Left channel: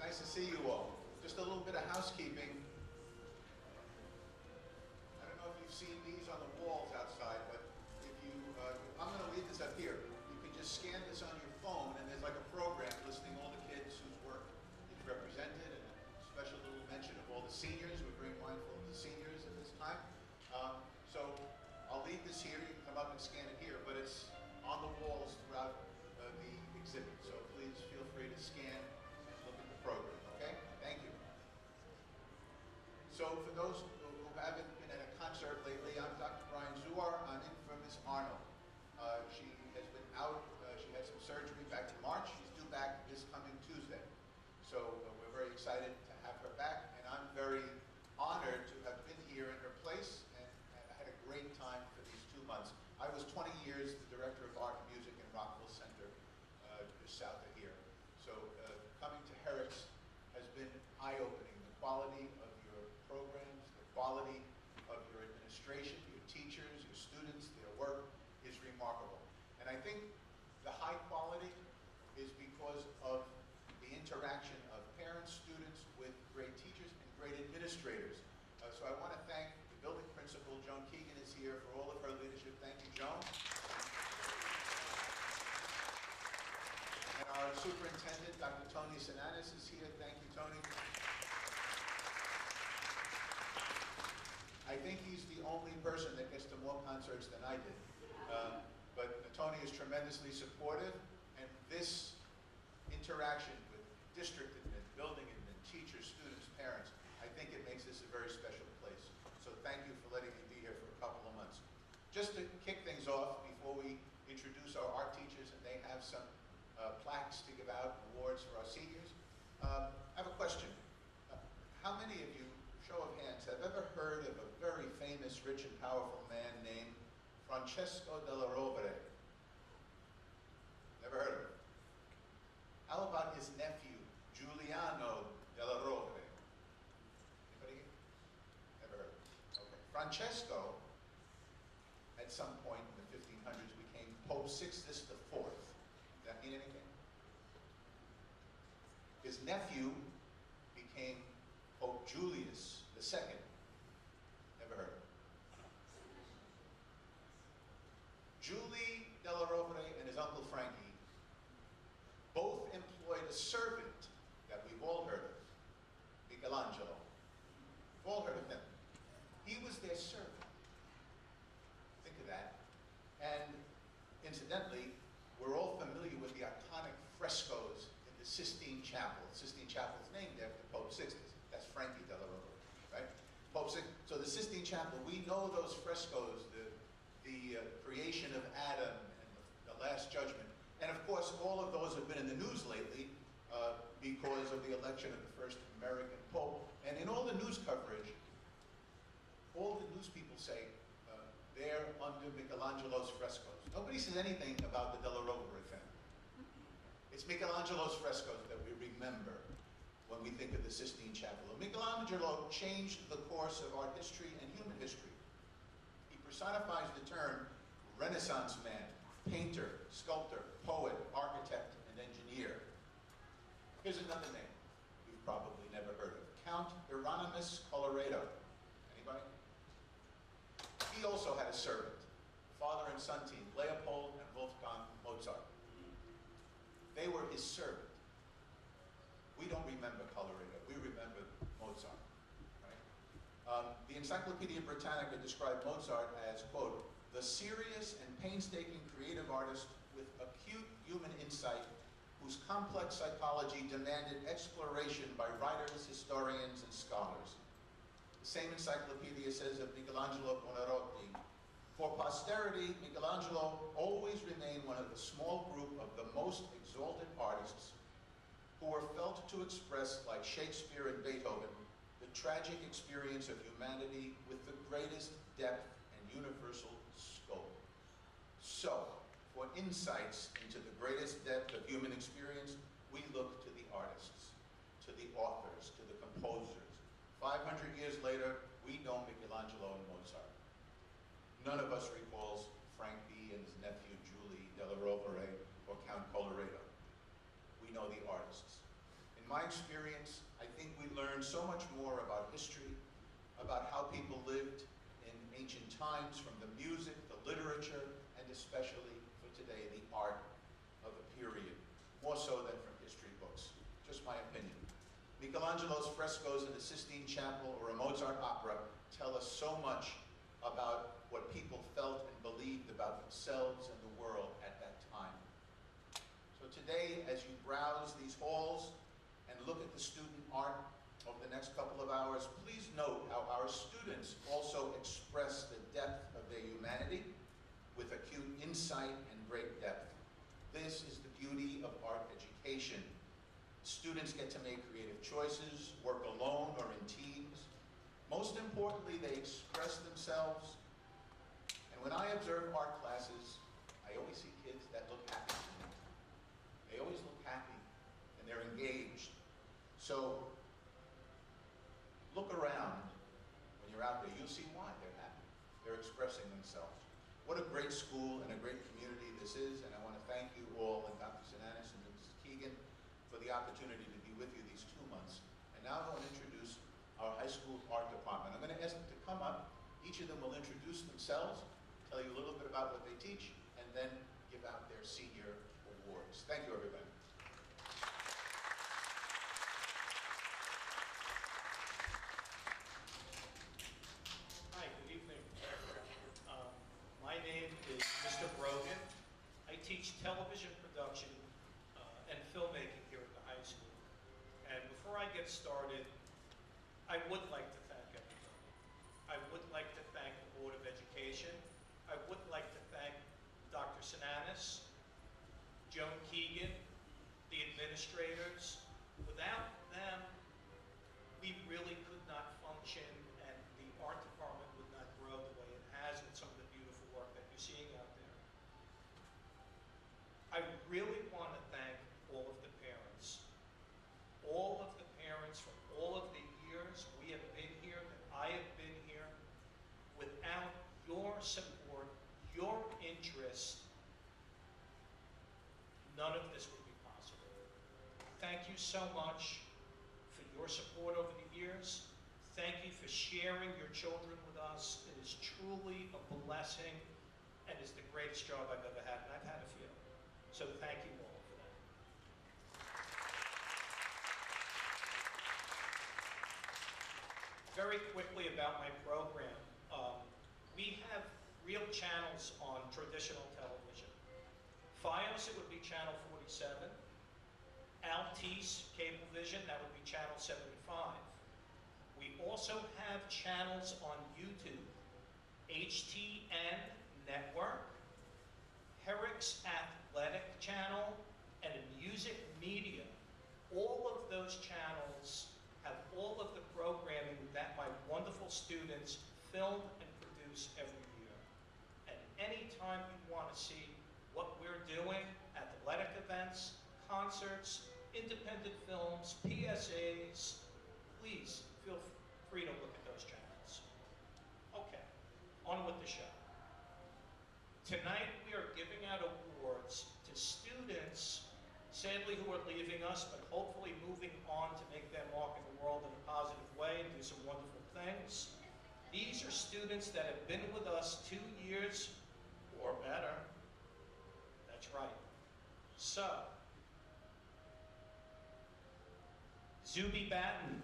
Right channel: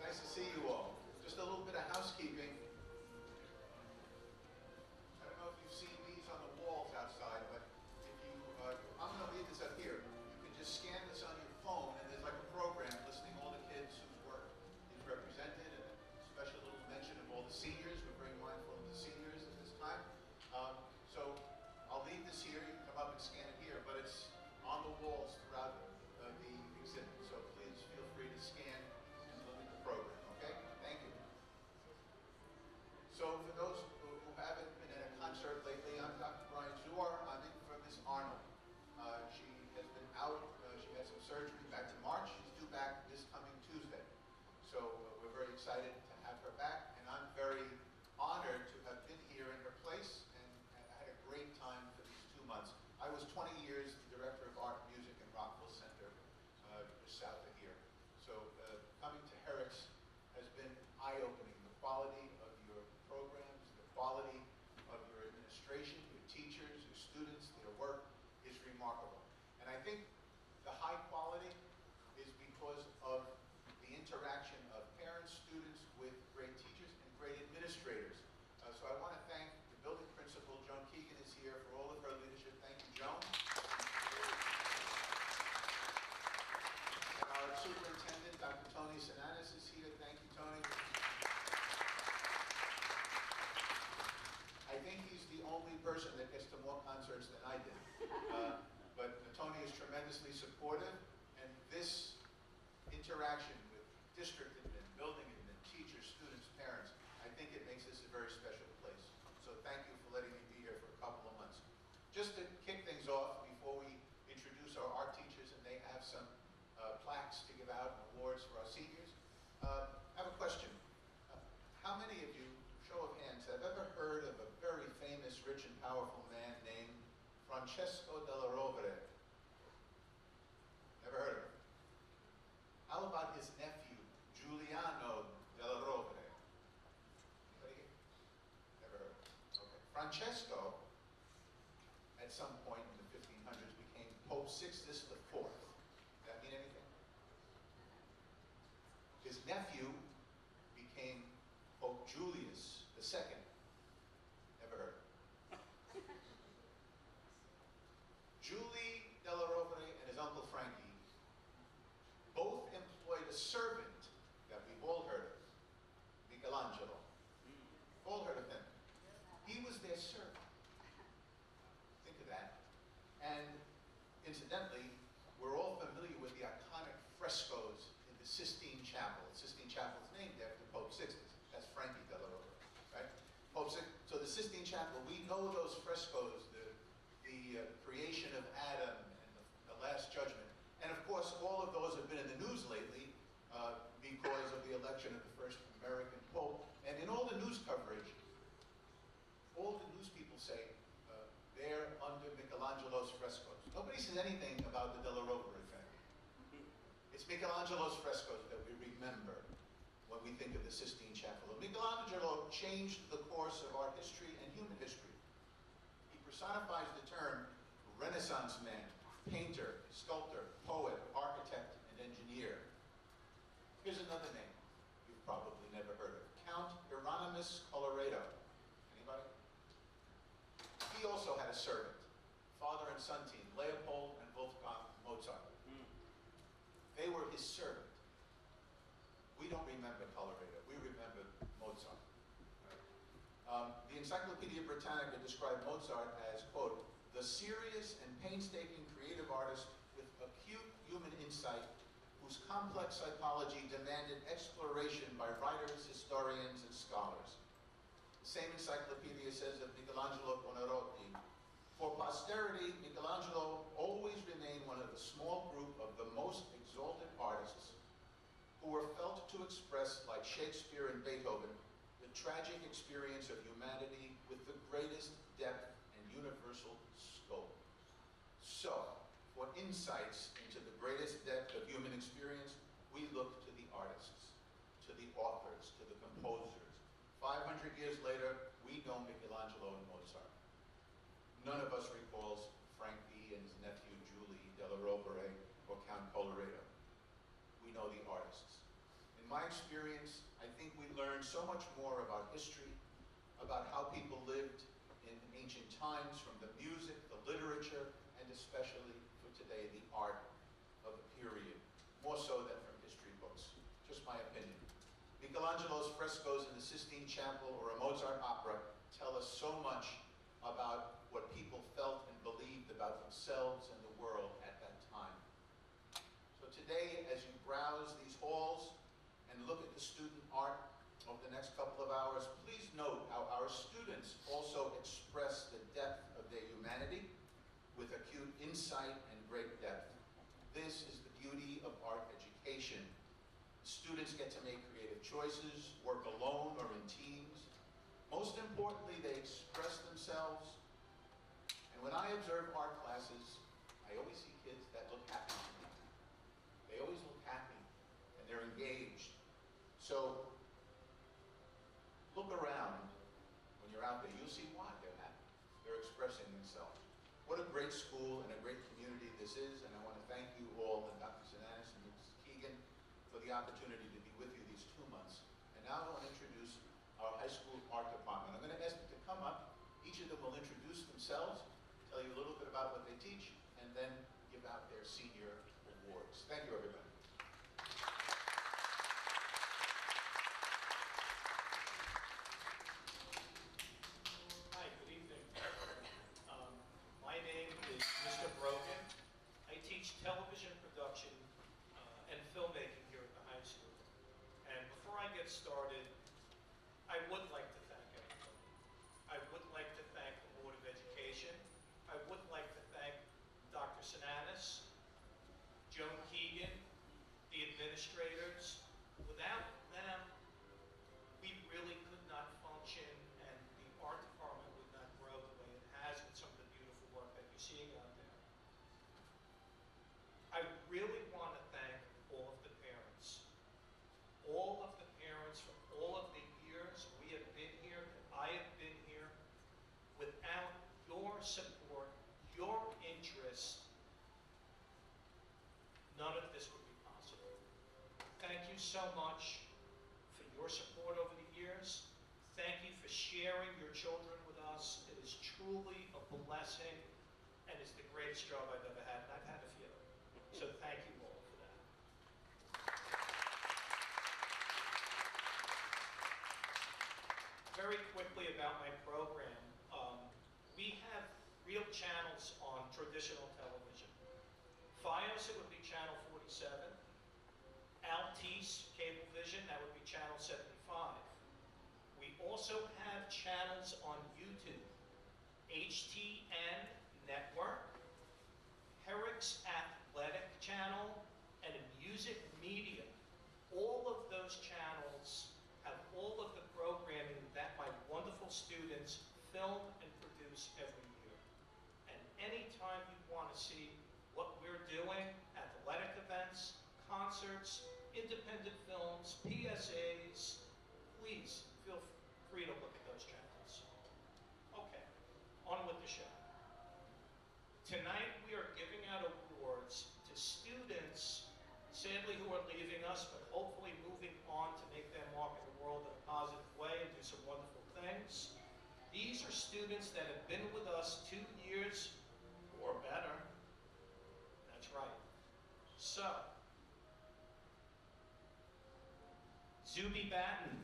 Nice to see you all. Just a little bit of housekeeping. I don't know if you've seen these on the walls outside, but if you, I'm going to leave this up here. You can just scan this on your phone, and there's like a program listing all the kids whose work is represented, and a special little mention of all the seniors. We're very mindful of the seniors at this time. So I'll leave this here. You can come up and scan it here, but it's on the walls throughout the exhibit. So please feel free to scan and look at the program, okay? Thank you. So for those who haven't been at a concert lately, I'm Dr. Brian Zuar. I'm in for Miss Arnold. She has been out, she had some surgery back in March. She's due back this coming Tuesday. So we're very excited to have her back, and I'm very honored to have been here in her place, and I had a great time for these 2 months. I was 20 years the Director of Art and Music in Rockville Center, just south of here. So coming to Herricks has been eye-opening. The quality of your programs, the quality of your administration, your teachers, your students, their work is remarkable. And I think the high quality is because of the interaction of parents, students with great teachers and great administrators. So I want to thank the building principal, Joan Keegan is here, for all of her leadership. Thank you, Joan. And our superintendent, Dr. Tony Sinanis, is here. Thank you, Tony. I think he's the only person that gets to more concerts than I did. But Tony is tremendously supportive, and this interaction with district admin, building admin, teachers, students, parents, I think it makes this a very special place. So thank you for letting me be here for a couple of months. Just to kick things off, before we introduce our art teachers and they have some plaques to give out, awards for our seniors, I have a question. How many of you, show of hands, have ever heard of a very famous, rich and powerful man named Francesco della Rovere? Never heard of him. How about his nephew, Giuliano della Rovere? Anybody here? Never heard of him. Okay. Francesco, at some point in the 1500s, became Pope Sixtus IV. Does that mean anything? His nephew became Pope Julius II. Never heard of him. Julie della Rovere and his uncle Frankie both employed a servant that we've all heard of, Michelangelo. We've all heard of him. He was their servant. Think of that. And incidentally, we're all familiar with the iconic frescoes in the Sistine Chapel. The Sistine Chapel is named after Pope Sixtus. That's Frankie della Rovere, right? Pope Sixtus. So the Sistine Chapel, we know those frescoes, the creation of Adam and the Last Judgment. And of course, all of those have been in the news lately because of the election of the first American Pope. And in all the news coverage, all the news people say they're under Michelangelo's frescoes. Nobody says anything about the Della Rovere family. It's Michelangelo's frescoes that we remember when we think of the Sistine Chapel. Michelangelo changed the course of art history and human history. He personifies the term Renaissance man, painter, sculptor, poet, architect, and engineer. Here's another name you've probably never heard of, Count Hieronymus Colloredo. Anybody? He also had a servant, father and son team, Leopold and Wolfgang Mozart. They were his servant. We don't remember Colloredo, we remember Mozart. Right? The Encyclopedia Britannica described Mozart as, quote, the serious and painstaking creative artist with acute human insight whose complex psychology demanded exploration by writers, historians, and scholars. The same encyclopedia says of Michelangelo Buonarroti, for posterity, Michelangelo always remained one of the small group of the most exalted artists who were felt to express, like Shakespeare and Beethoven, the tragic experience of humanity with the greatest depth and universal scope. So, for insights into the greatest depth of human experience, we look to the artists, to the authors, to the composers, 500 years later, we know Michelangelo and Mozart. None of us recalls Frank B. and his nephew Julie della Rovere or Count Colloredo. We know the artists. In my experience, I think we learned so much more about history, about how people lived in ancient times, from the music, the literature, and especially for today, the art of the period, more so than from history books. Just my opinion. Michelangelo's frescoes in the Sistine Chapel or a Mozart opera tell us so much about what people felt and believed about themselves and the world at that time. So today, as you browse these halls and look at the student art over the next couple of hours, please note how our students also express the depth of their humanity with acute insight and great depth. This is the beauty of art education. Students get to make creative choices, work alone or in teams. Most importantly, they express themselves. And when I observe art classes, I always see kids that look happy to me. They always look happy and they're engaged. So look around when you're out there, you'll see why they're happy. They're expressing themselves. What a great school and a great community this is, and I want to thank you all, and Dr. Sinanis and Mrs. Keegan, for the opportunity to be with you these 2 months. And now I want to introduce our high school art department. I'm going to ask them to come up. Each of them will introduce themselves, tell you a little bit about what they teach, and then give out their senior awards. Thank you, everybody. Hi, good evening. My name is Mr. Brogan. I teach television production and filmmaking here at the high school. And before I get started, I would like to thank everybody. I would like to thank the Board of Education. I would like to thank Dr. Sinanis, Joan Keegan, the administrators. Without them, we really could not function, and the art department would not grow the way it has with some of the beautiful work that you're seeing out there. I really want to thank all of the parents. All of the parents for all of the years we have been here, that I have been here. Without your support, your interest, none of this would be possible. Thank you so much for your support over the years. Thank you for sharing your children with us. It is truly a blessing, and it's the greatest job I've ever had, and I've had a few. So thank you all for that. Very quickly about my program. We have real channels on traditional television. FiOS, it would be channel 47. Altice Cablevision, that would be channel 75. We also have channels on YouTube. HTN Network, Herricks Athletic Channel, and Music Media. All of those channels have all of the programming that my wonderful students film and produce every year. And anytime you want to see what we're doing, athletic events, concerts, independent films, PSAs, please feel free to look at those channels. Okay, on with the show. Tonight we are giving out awards to students, sadly, who are leaving us, but hopefully moving on to make their mark in the world in a positive way and do some wonderful things. These are students that have been with us 2 years or better. That's right. So, Zuby Batten.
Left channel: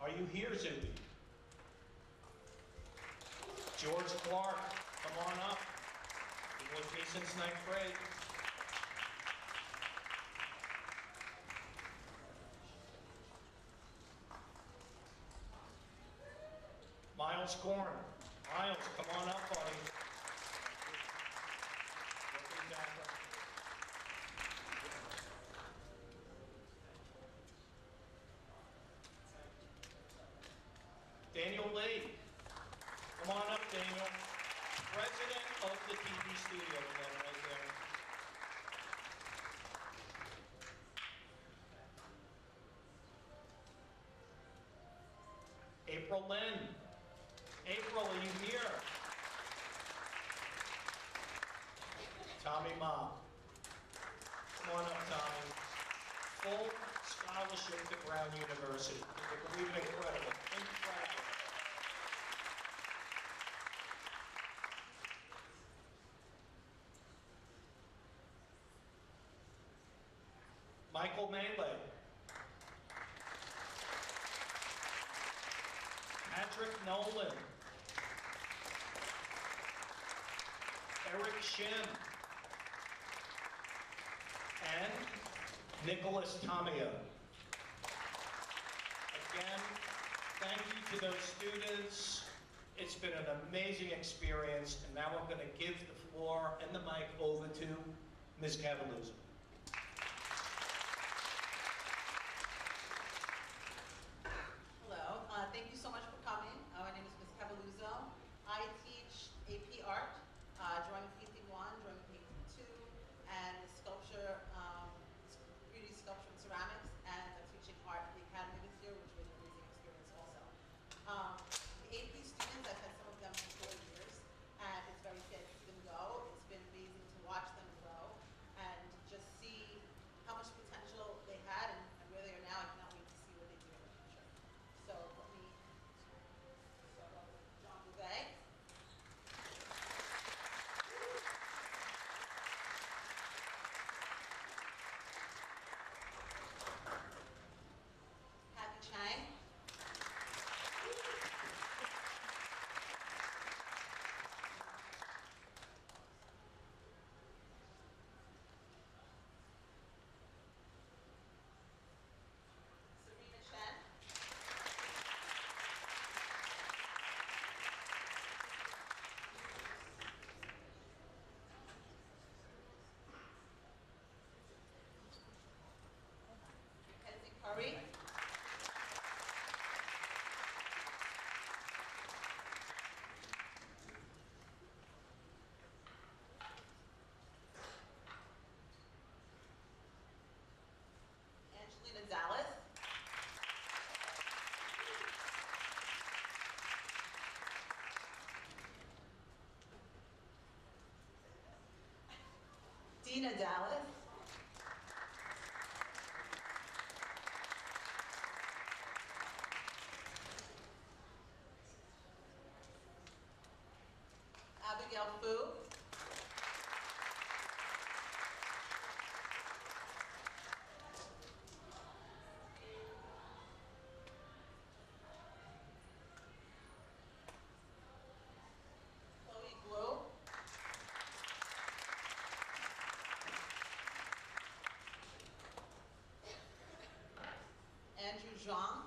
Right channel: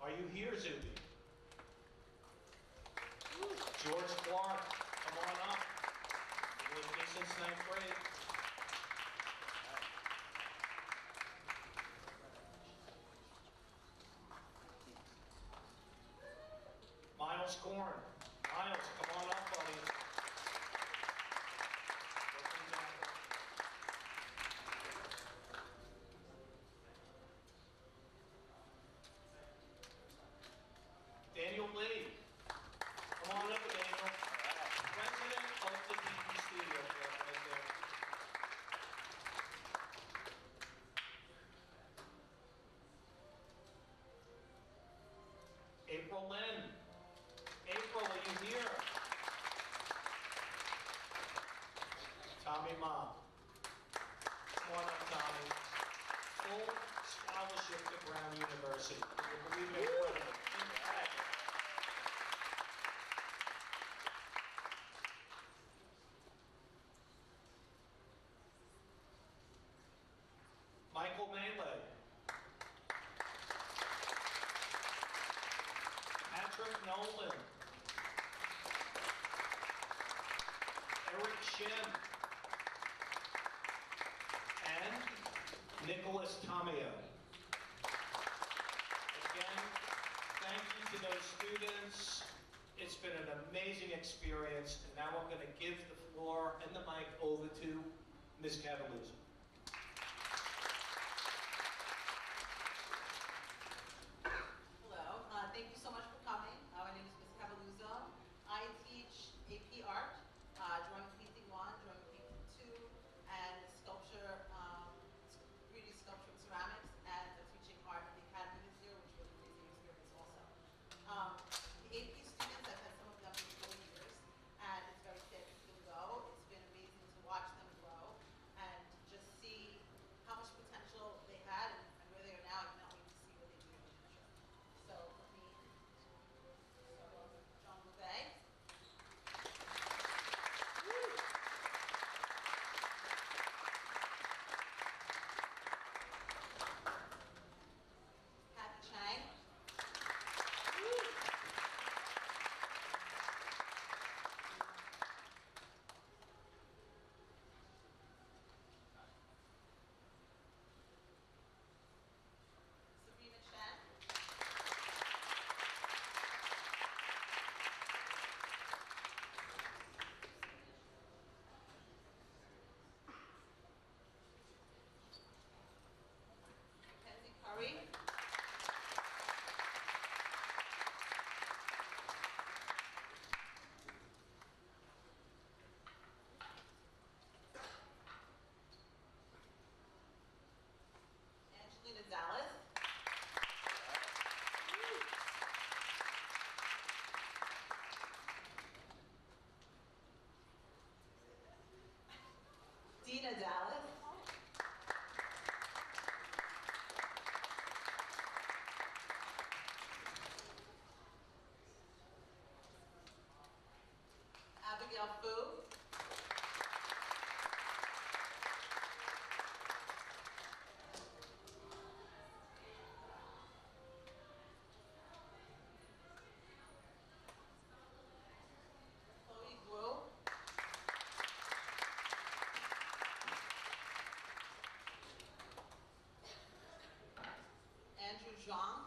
Are you here, Zuby? George Clark, come on up. You've been with me since 9th grade. Miles Korn. Miles, come on up, buddy. Daniel Lee. Come on up, Daniel. President of the TV studio club right there. April Lynn. April, are you here? Tommy Ma. Come on up, Tommy. Full scholarship to Brown University. Can you believe it? Incredible. Incredible. Michael Melee. Patrick Nolan. Eric Shim. And Nicholas Tamio. Again, thank you to those students. It's been an amazing experience, and now I'm going to give the floor and the mic over to Ms. Cavalluzzo. Hello, thank you so much for coming. My name is Ms. Cavalluzzo. I teach AP Art, drawing painting 1, drawing painting 2, and sculpture, 3D sculpture and ceramics, and I'm teaching art at the Academy this year, which was an amazing experience also. The AP students, I've had some of them for 4 years, and it's very sad to see them go. It's been amazing to watch them grow and just see how much potential they had and where they are now. I cannot wait to see what they do in the future. So let me start off with John Bouvet. Happy Chang. Serena Chen. Mackenzie Curry. Angelina Dallas. Dina Dallas. Abigail Fu. Chloe Blue. Andrew Zhang.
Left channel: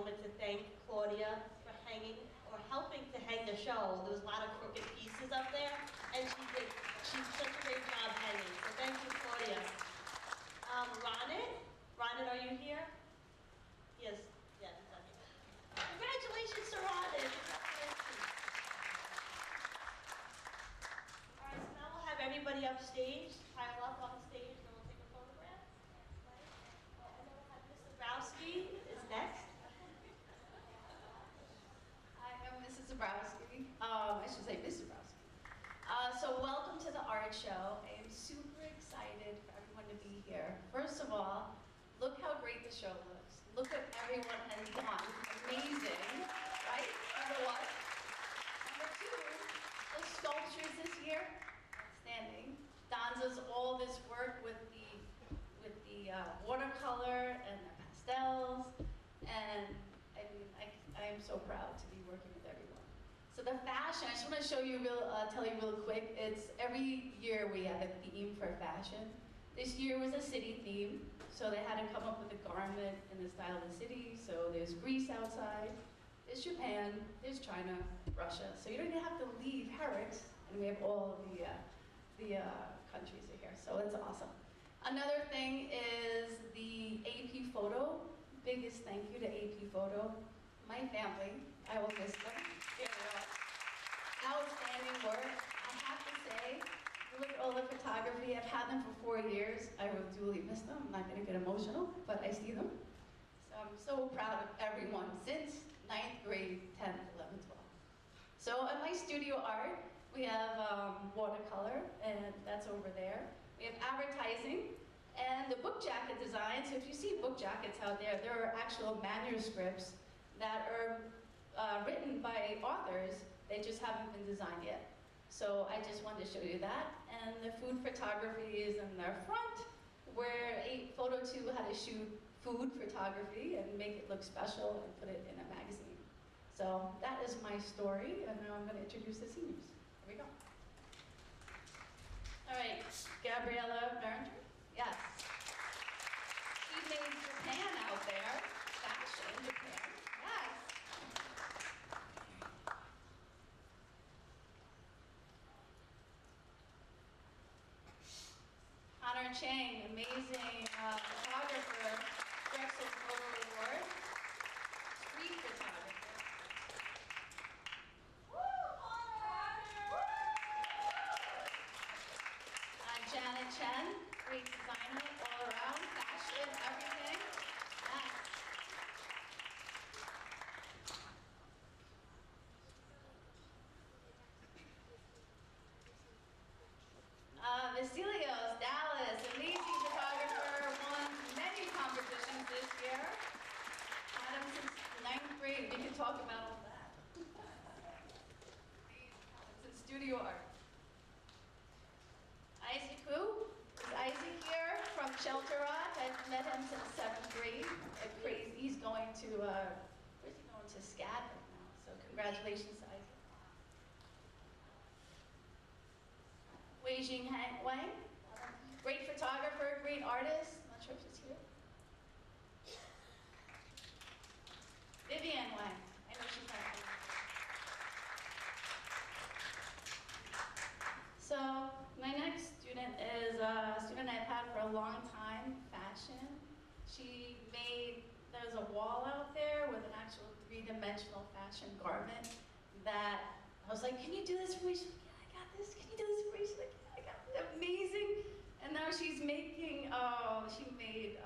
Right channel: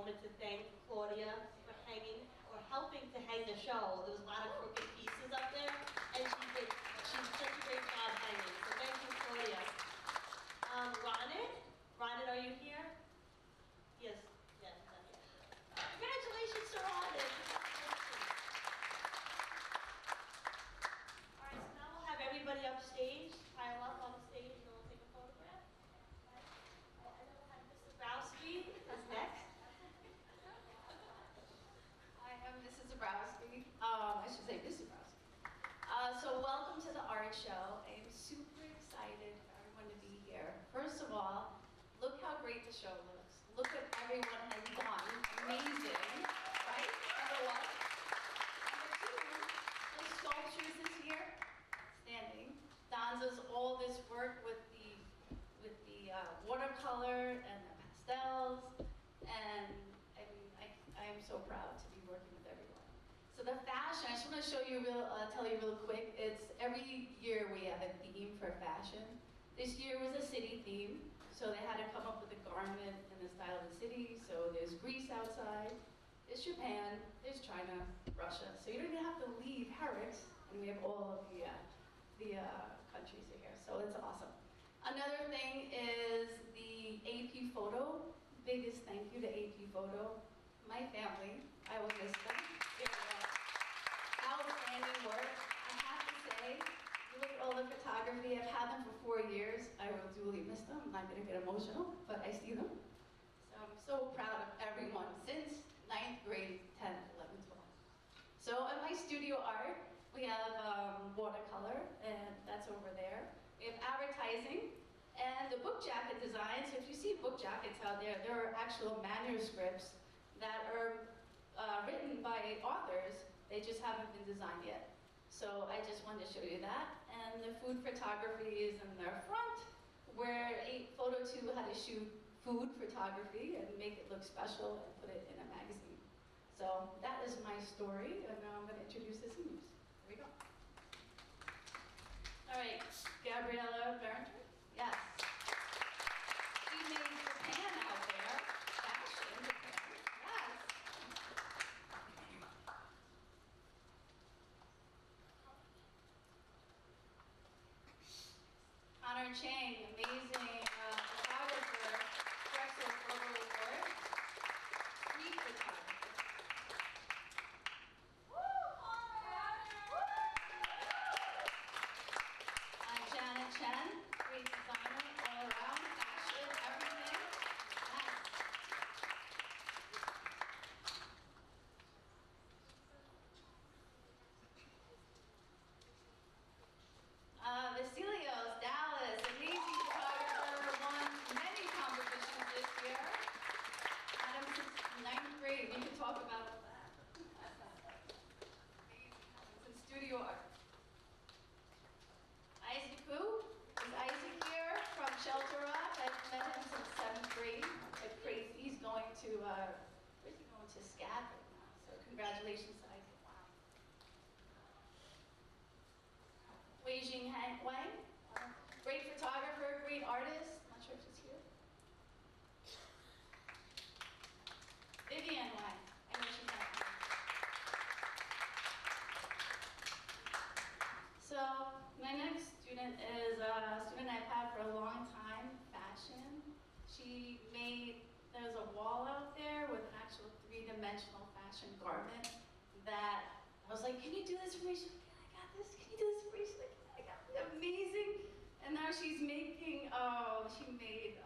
moment to thank Claudia for hanging, or helping to hang the show. There was a lot of crooked pieces up there, and she's such a great job hanging. So thank you, Claudia. Ronit, are you here? Yes, yeah, he's not here. Congratulations to Ronit. All right, so now we'll have everybody upstage, pile up on the stage, and we'll take a photograph. And then we'll have Mr. Zabrowski is next. Hi, I'm Mrs. Zabrowski. I should say Miss Zabrowski. So welcome to the art show. I am super excited for everyone to be here. First of all, look how great the show looks. Look what everyone has done. Amazing, right? Number one. Number two, the sculptures this year, outstanding. Donza's all this work with the watercolor and the pastels, and I mean, I am so proud to be working with everyone. So the fashion, I just want to show you tell you real quick. It's every year we have a theme for fashion. This year was a city theme, so they had to come up with a garment in the style of the city. So there's Greece outside, there's Japan, there's China, Russia. So you don't even have to leave Herricks, and we have all of the countries are here. So it's awesome. Another thing is the AP Photo. Biggest thank you to AP Photo. My family, I will miss them. They were outstanding work. I have to say, look at all the photography. I've had them for 4 years. I will duly miss them. I'm not going to get emotional, but I see them. So I'm so proud of everyone since 9th grade, 10th, 11th, 12th. So in my studio art, we have watercolor, and that's over there. We have advertising, and the book jacket design. So if you see book jackets out there, there are actual manuscripts that are written by authors. They just haven't been designed yet. So I just wanted to show you that. And the food photography is in the front, where Photo 2 had to shoot food photography and make it look special and put it in a magazine. So that is my story, and now I'm going to introduce the seniors. Here we go. All right, Gabriella Berenger. Yes. She made Japan out there. Fashion, Japan. Yes. Connor Chang, amazing photographer, Drexel Photo Award. Street photographer. Janet Chen, great designer all around, fashion, everything. Yes. Vasilios, Dallas, amazing photographer, won many competitions this year. Had him since 9th grade. We can talk about all that. It's in studio art. Isaac who? Is Isaac here from Shelter Rock? I've met him since 7th grade. Like crazy. He's going to, where's he going to? SCAD right now. So congratulations to Isaac. Wei Jing Wang, great photographer, great artist. Not sure if she's here. Vivian Wang, I know she's not here. So my next student is a student I've had for a long time, fashion. She made, there's a wall out there with an actual 3-dimensional fashion garment that I was like, can you do this for me? She's like, yeah, I got this. Can you do this for me? She's like, yeah, I got it. Amazing. And now she's making, she made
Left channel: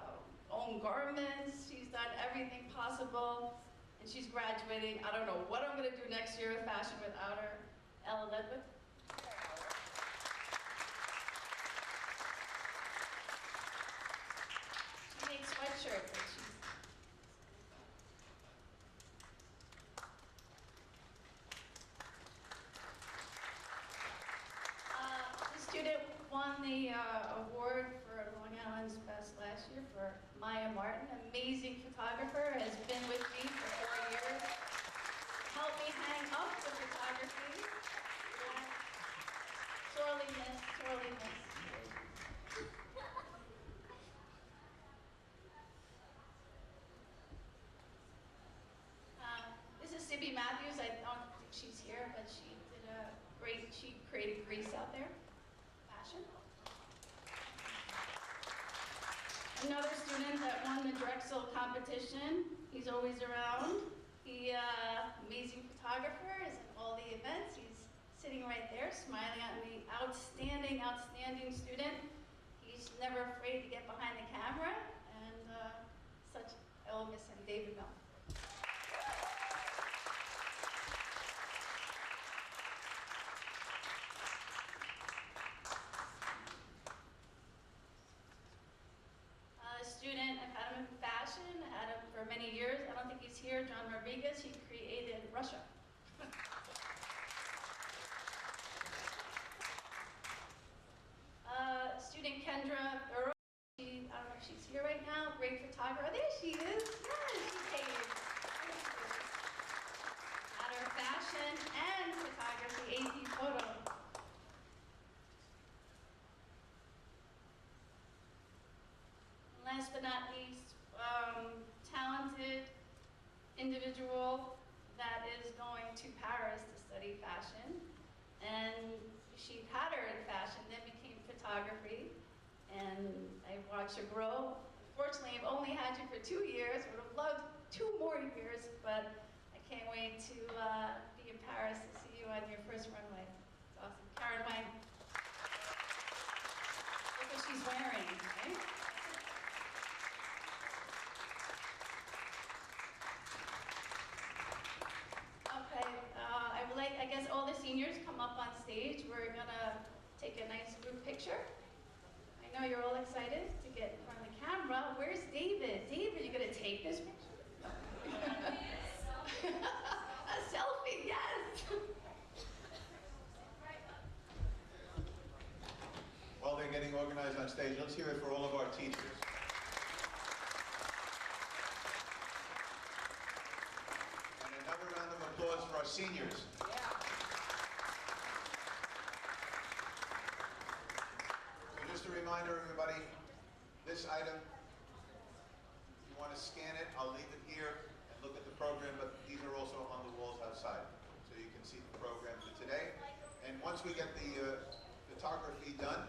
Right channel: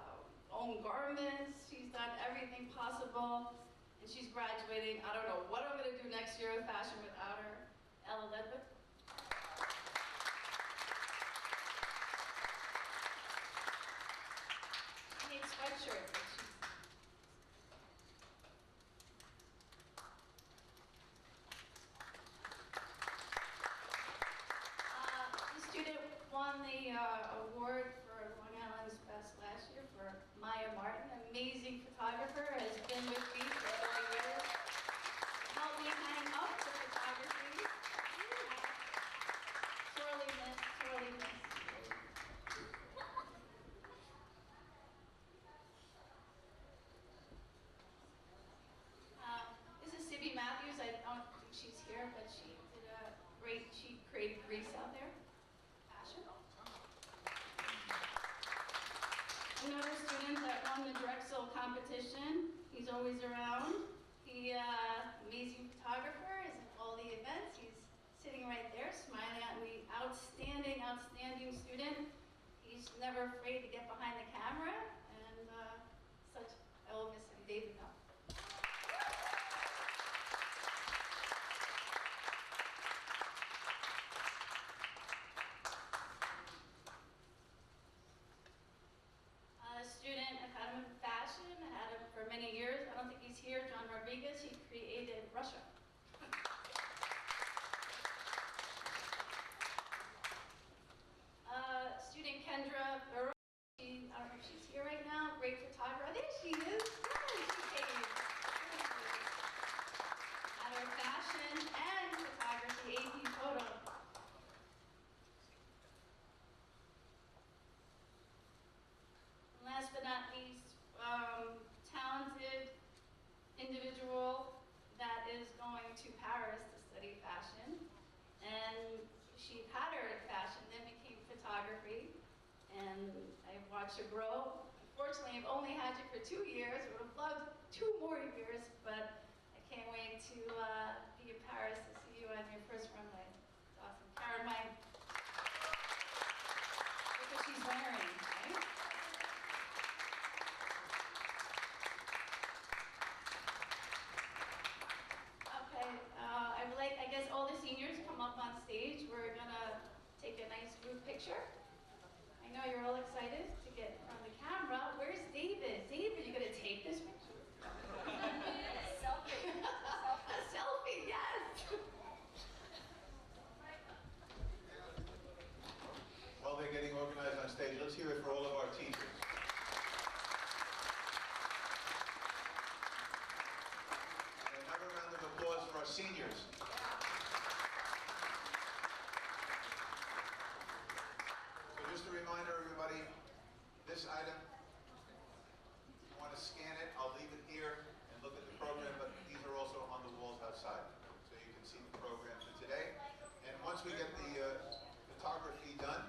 own garments. She's done everything possible. And she's graduating. I don't know what I'm going to do next year with fashion without her. Ella Ledwick. She made sweatshirts. And she's the student won the award for Long Island's Best last year for Maya Martin. Amazing photographer, has been with me for over years. Helped me hang up the photography. Sorely missed, sorely missed. Another student that won the Drexel competition. He's always around. He, amazing photographer, is in all the events. He's sitting right there, smiling at me. Outstanding, outstanding student. He's never afraid to get behind the camera, and I will miss him, David Mel. A student, I've had him in fashion, had him for many years. I don't think he's here, John Rodriguez. He created Russia. Student Kendra Burrow, I don't know if she's here right now, great photographer. There she is. Yeah, she came. At her fashion and photography, AP photo. Last but not least, talented individual that is going to Paris to study fashion. And she patterned fashion, then became photography. And I watched her grow. Unfortunately, I've only had you for 2 years. I would have loved 2 more years, but I can't wait to be in Paris to see you on your first runway. It's awesome. Caroline, look what she's wearing, right? Okay, I would like, I guess, all the seniors come up on stage. We're gonna take a nice group picture. I know you're all excited to get in front of the camera. Where's David? David, you gonna take this picture? A selfie, yes! While they're getting organized on stage, let's hear it for all of our teachers. And another round of applause for our seniors. So just a reminder, everybody, this item, if you want to scan it, I'll leave it here and look at the program, but these are also on the walls outside, so you can see the program for today. And once we get the photography done,